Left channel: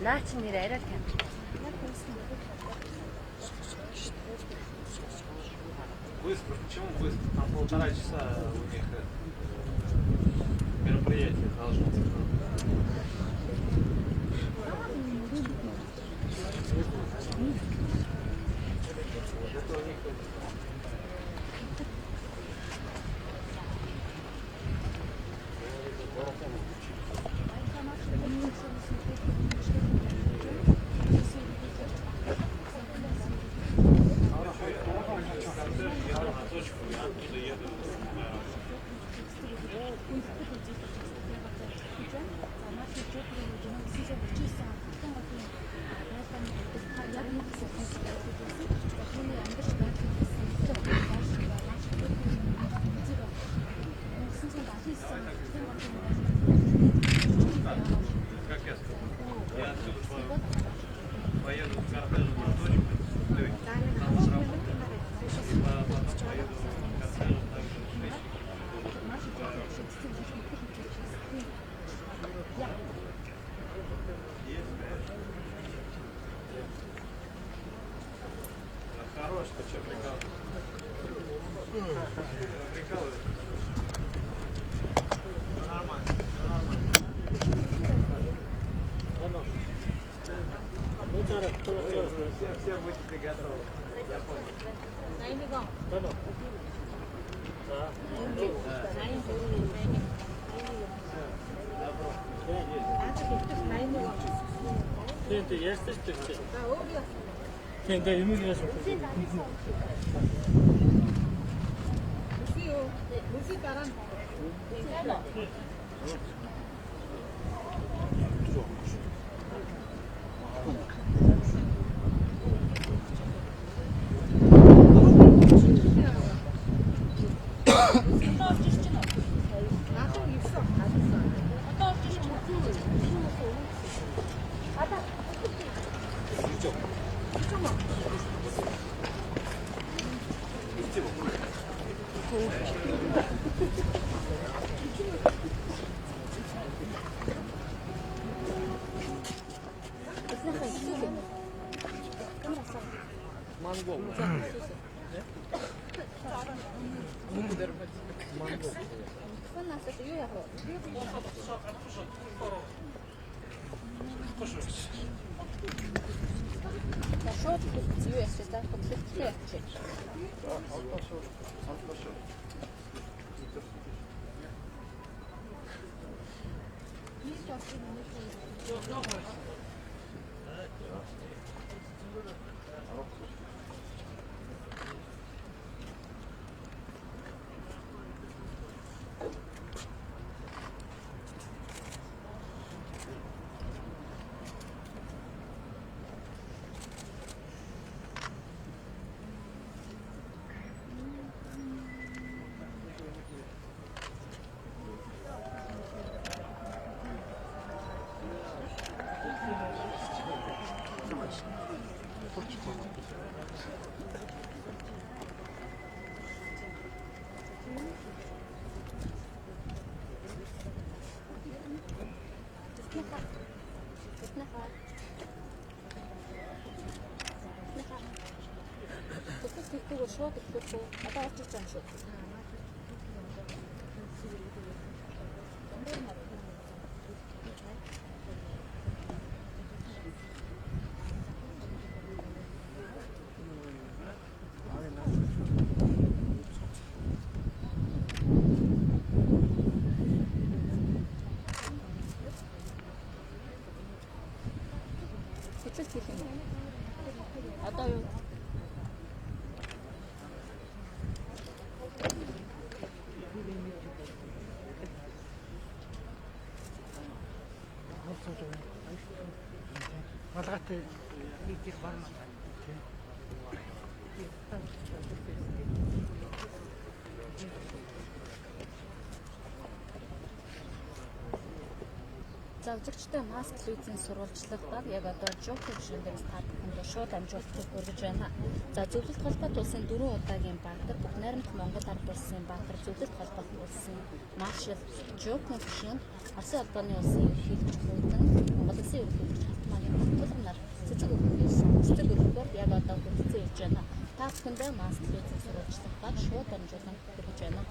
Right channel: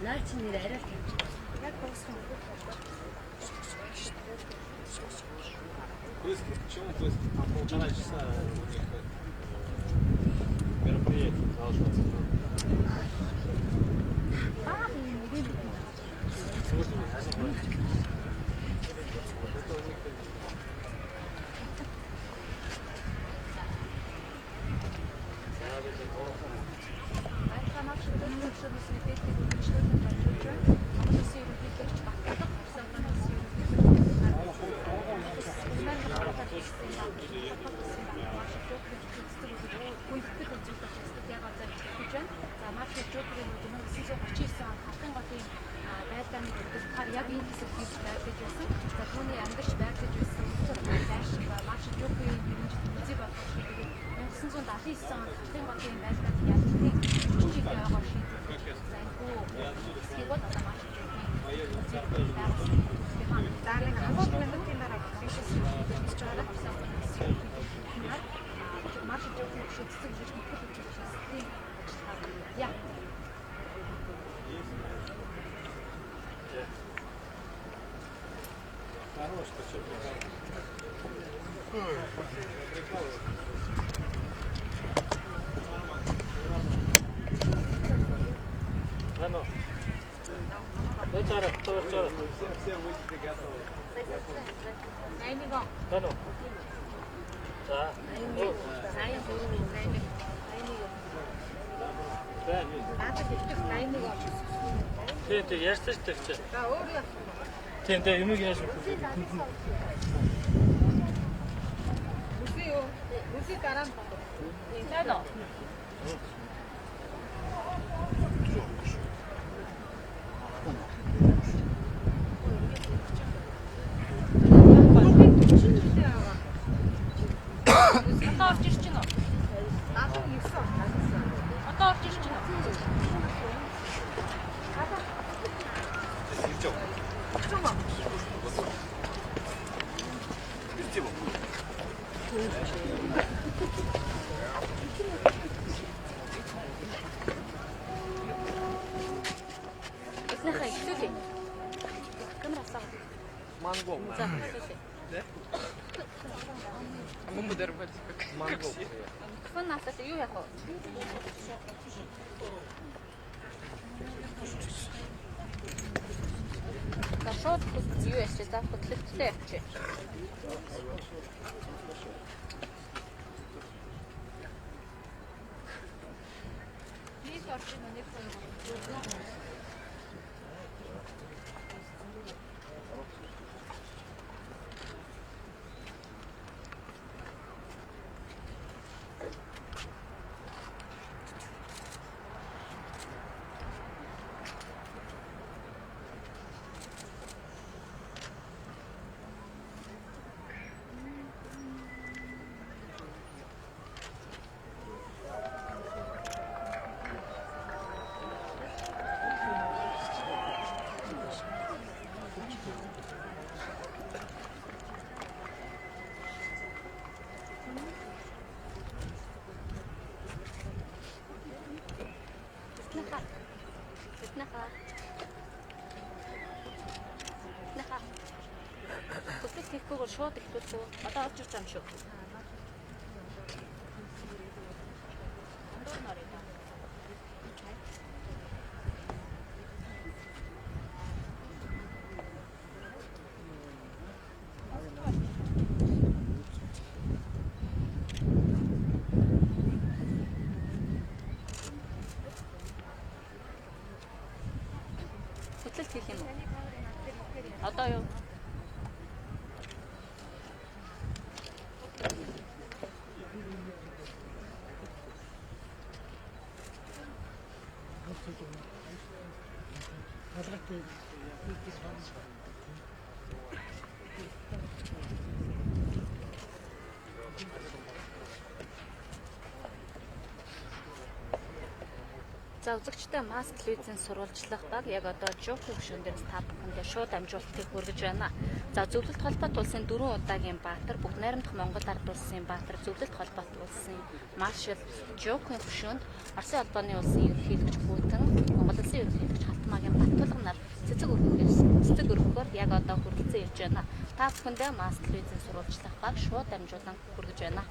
Наач нэр арай тань. Яг буусан. Быстро. Почему быстро? Там 1,5 часа у них мероприятие должно быть. Это у них поеду в кортежную точку. Хорош, ты что, прикалываешься? Нормально. Оно. Все будете готовы. Я понял. Да, ну. Да. Добро. Тэнтэй ярьсан шүү дээ. Тэнтэй юм ярьсан. Муси каран. Одоо орж ирж байна уу? Надад ирсэн. Одоо орж ирж байна уу? Ада. Идем. Идем. Монгол. Монгол. Фанасаа юу яах вэ? Нашот юу яах вэ? Хөтлөлттэй явчих. Бид орж ирэх нэг Тэгвэл шууд ихлүүлгүй. Одоо орж ирж байгаа юм шүү. Хөтлөлт хийх юм уу? Одоо юу? За За үзэгчтэй маск телевизийн сурвалжлах баг яг одоо жок төвшөндөөс та бүхэндээ шууд амжуулалтыг хүргэж байна. За зөвлөлт холбоот улсын 4 удаагийн баатар бүгд найрамдах Монгол ард улсын баатар зөвлөлт холбоот улсын маршал жок төвшөнд Оросын албаны улсын ерөнхийлөгч Путин, Монгол улсын ерөнхийлөгч Халтмаагийн Батулган нар цэцэг өргөхөөр яг одоо хүрэлцэн ирж байна. Та бүхэндээ маск телевизийн сурвалжлах баг шууд амжуулан хүргэж байна.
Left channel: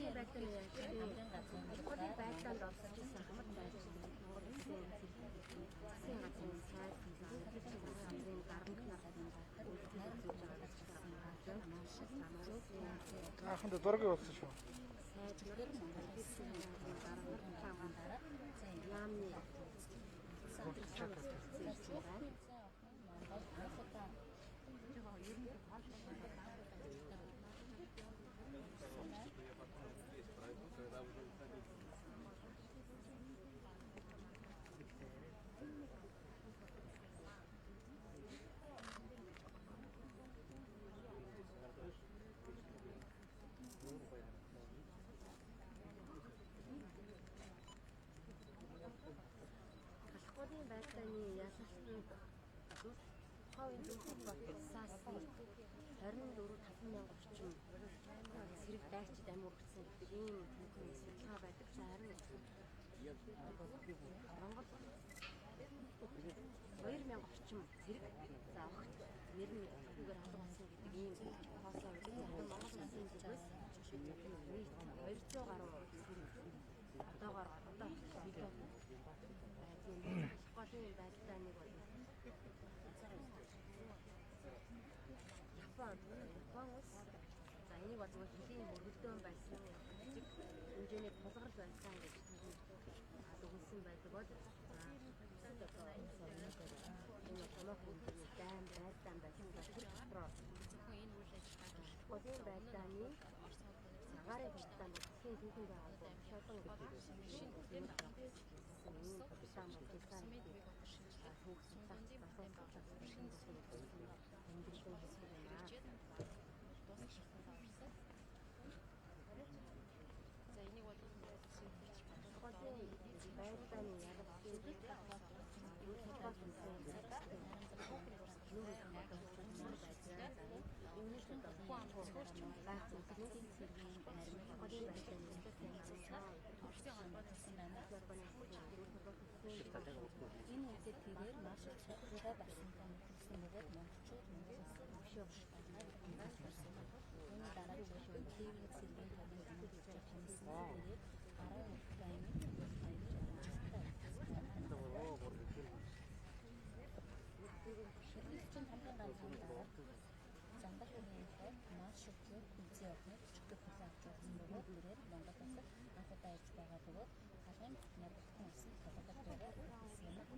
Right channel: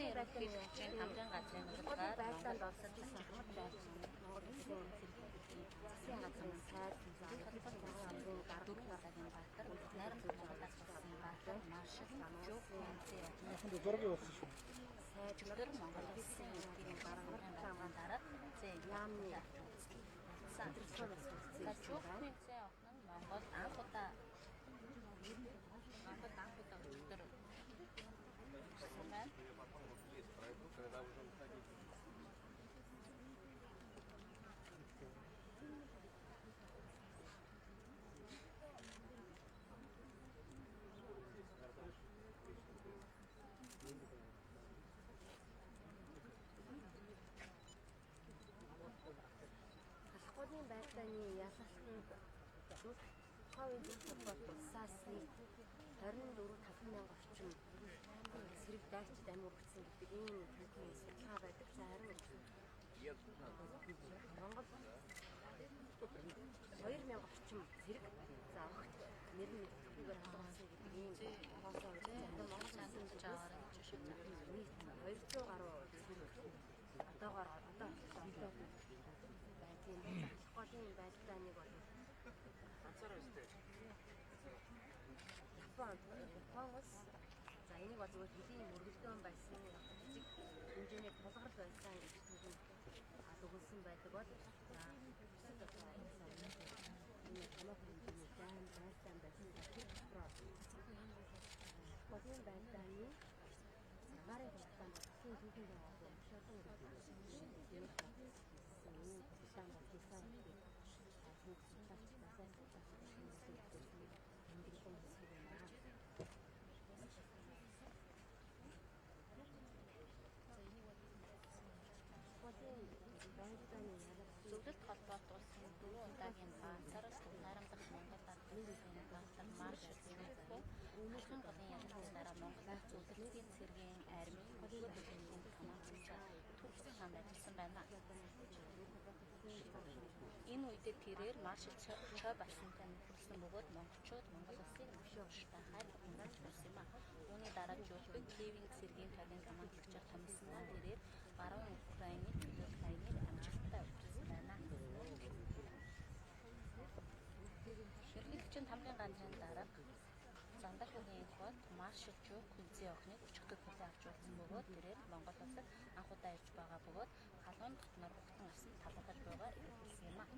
Монголын байдлын хамтран газрын Монголын байдланд орсож исэн хамт байж Монгол улсын засгийн газрын сайд хамтран дарамтнаар баатар найрамдах Монгол баатар маршал Аханд дөрөв явуулсан шүү. сайдчилэр Монгол улсын дарамтнаар дараа яамны садрсан зүйл байна. Монгол анх удаа Халахгүй байдлааны ялалтын хавийн зөвлөлт улсаас 24,500 орчим сэрэг дайгчид амиа өргөцсөн гэдэг ийм түүхийн судалгаа байдаг. Харин Монгол 2,000 орчим сэрэг за огт нэр нь мэдхгүйгээр алга болсон гэдэг ийм хоосоо өгсөн. Харин Монгол улсын зүгээс нийт 200 гаруй сэрэг одоогоор байдгийн голын байлдааныг бол Япон улс за энийг бол зөвхөн хэдийн мөргөлдөөн байсан жижиг хэмжээний тулгарч байсан гэж түүнд өгүүлсэн байдаг бол за бусад одоо энэ томоохон хэмжээний дайм байлдаан байсан тэр дотроо голын байлдааны цагаарын хурцлаанд дэлхийн түүхэнд байгаа шалган гэдэг юм хурцлаан бол хэлсэн гэдэг түүх судлаач насаас судлаач шинжилгээ хийсэн тэмдэглэн хийсэн юм аа. За энийг бол байлдааны ялгуулт холбоот улсын удаагийн байдлаар найрамдах Үнэхээр голын байр зүтгэлийн цэргийн армийн голын байдлаар төвшин хандсан байна. Энэ үедээ тэрээр маршал цай бассантай нөхөрлсөн бөгөөд монголчууд Монгол улсын өвшөө штахаар хандаж байсан ба үүний дараа жуулчид Киевийн цэргийн хавийн гамбилчаар хамсан тэрээр 10 Украины амжилттай өвчсөн байна. Ширлэгчийн хамгийн ганцхан дарга Зандархны хот маршал жок хүнзээ охины өчигдөр хүлээн авч байсан бөгөөд тэрээр Монгол улсад анх удаа ирж байгаа бөгөөд халуун дотноор бүхтэн асан талхад байгаа хэлсэн юм а.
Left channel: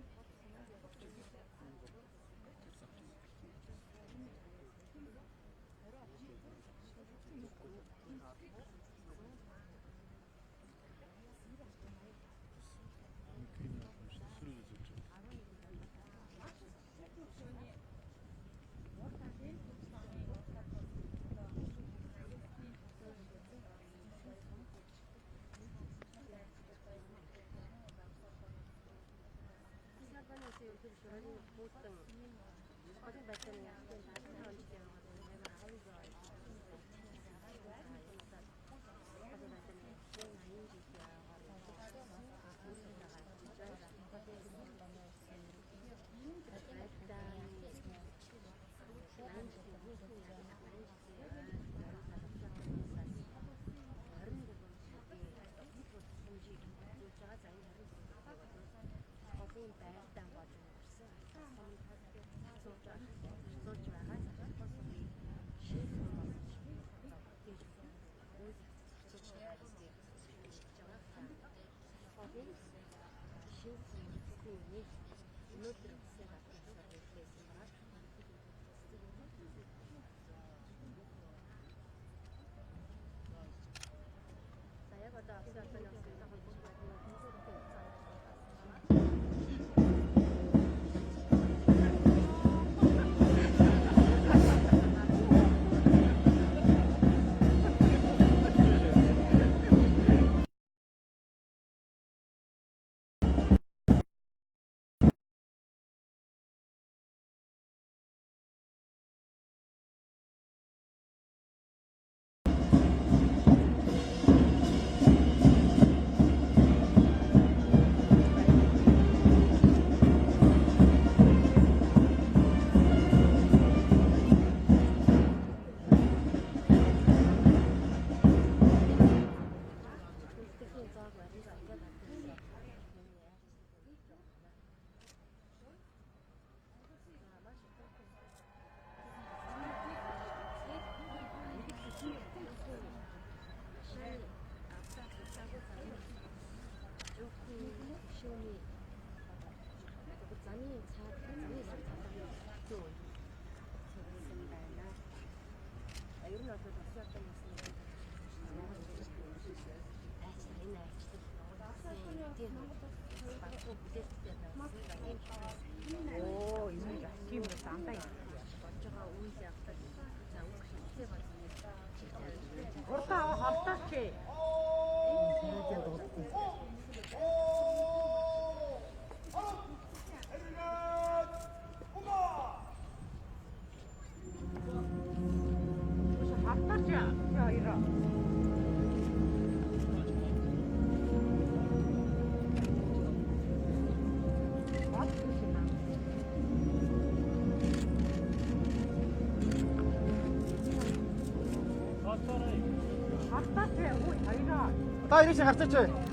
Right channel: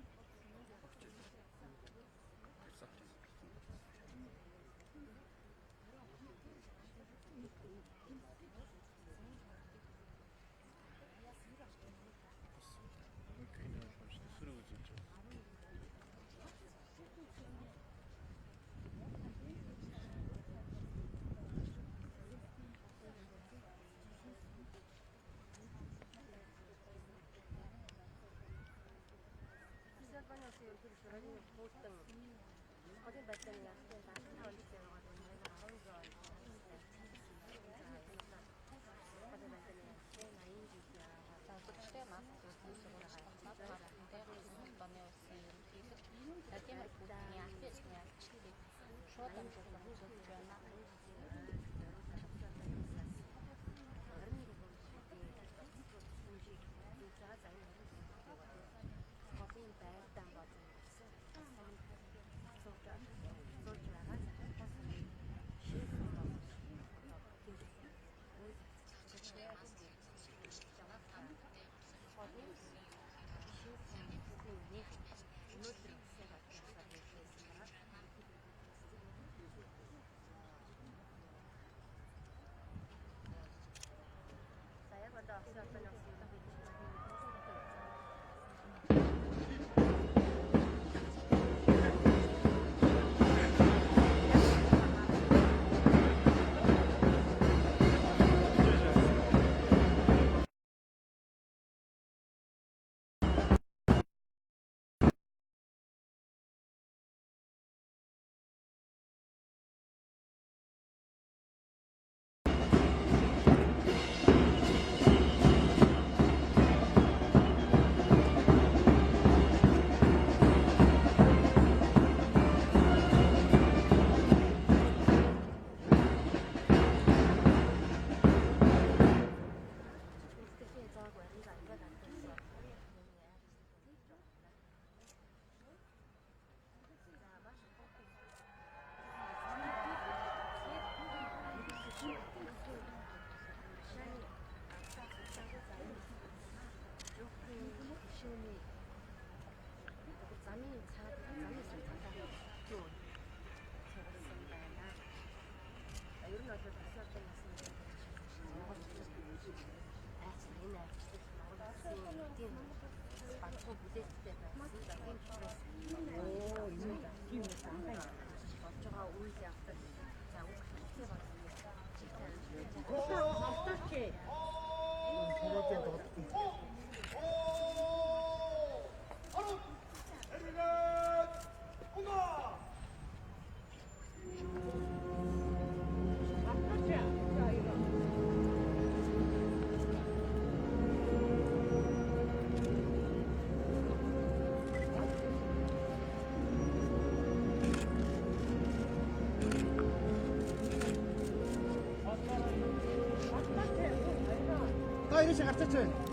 다 이렇게 갔었죠?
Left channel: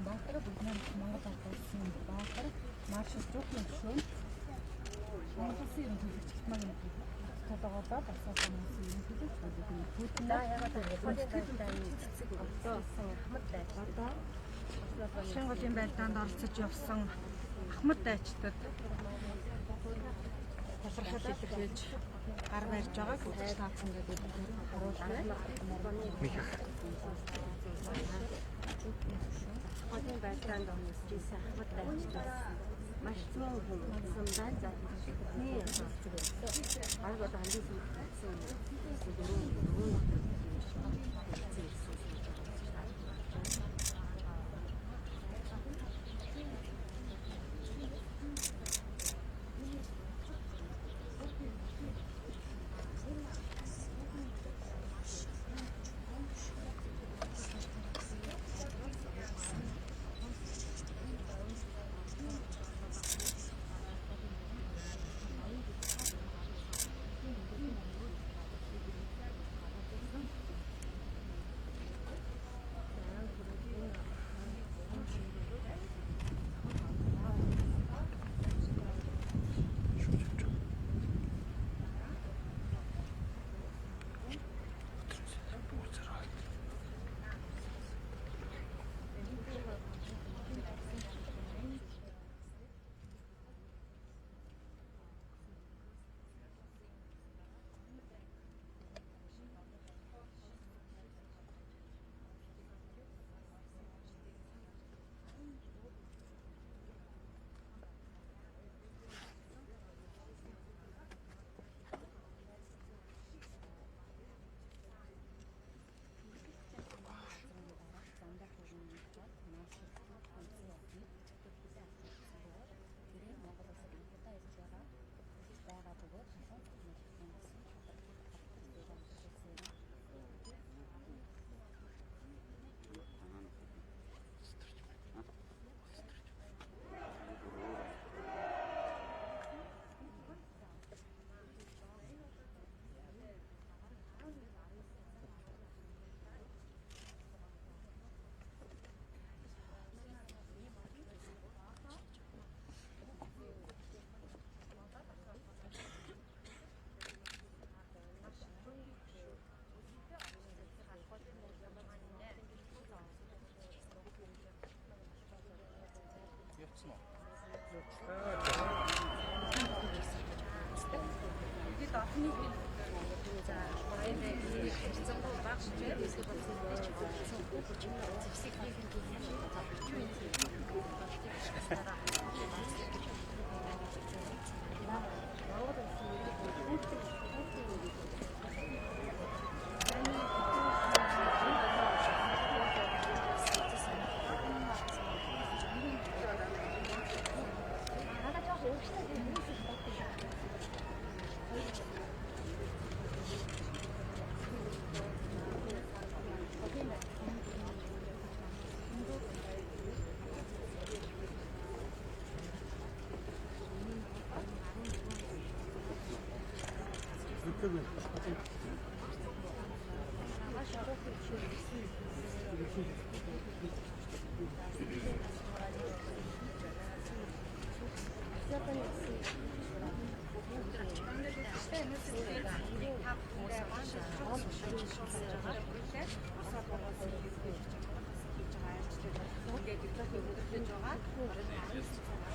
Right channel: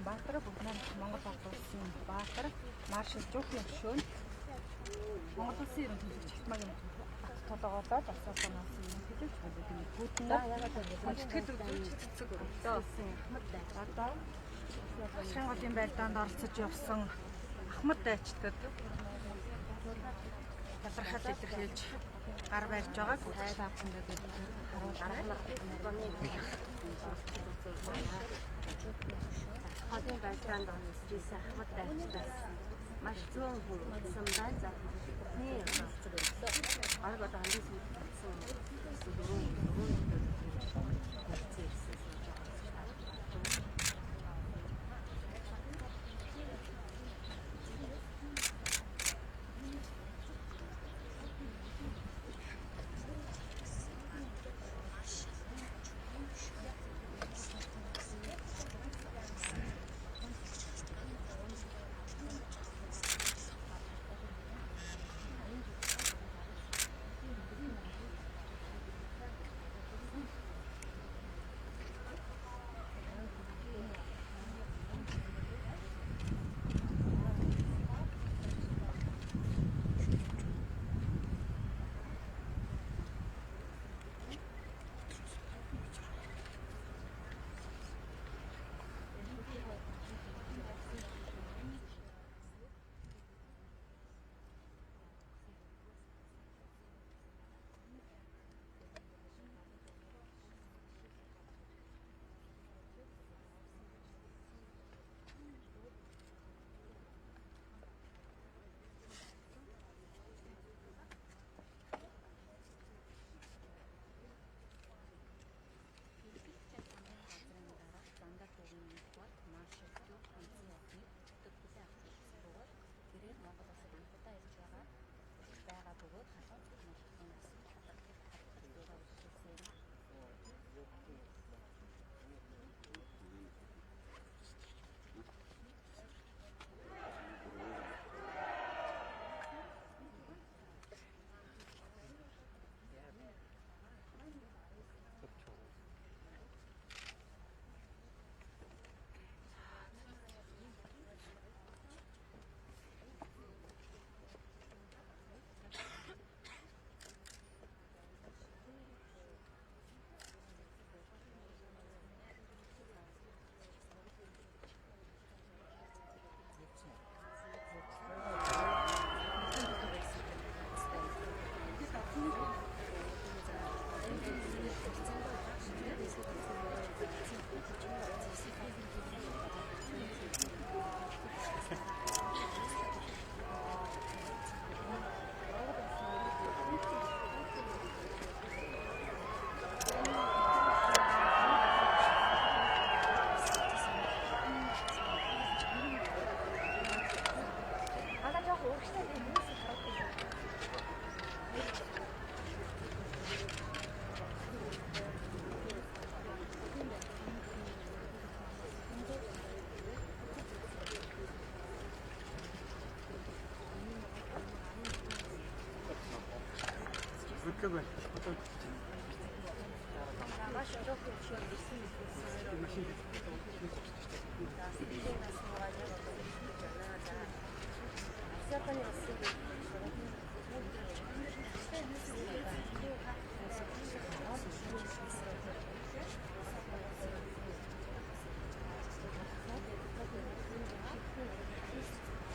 улсын баатар бүгд найрамд Монгол ард улсын баатар маршал Жуухийн гишүүн Монгол улсын ерөнхий төлөвч Хятмагийн толгоолоод асуусан улсын ерөнхий төлөвч бүгднээ ягаад Шангуулын байлдаанд оролцож явсан Ахмад дайчдад талархал илэрхийлж гар барьж байгааг таатандаа харуулж Хотын байлдаанд оролцсон Ахмад дайчдаас маш зүүн хүмүүс байна. Бидний баг одоо хандсан дөрөв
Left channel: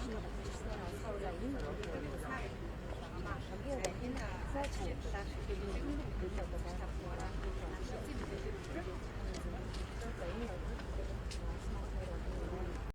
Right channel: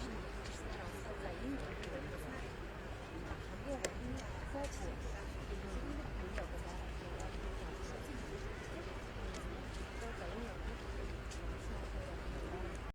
Thank you.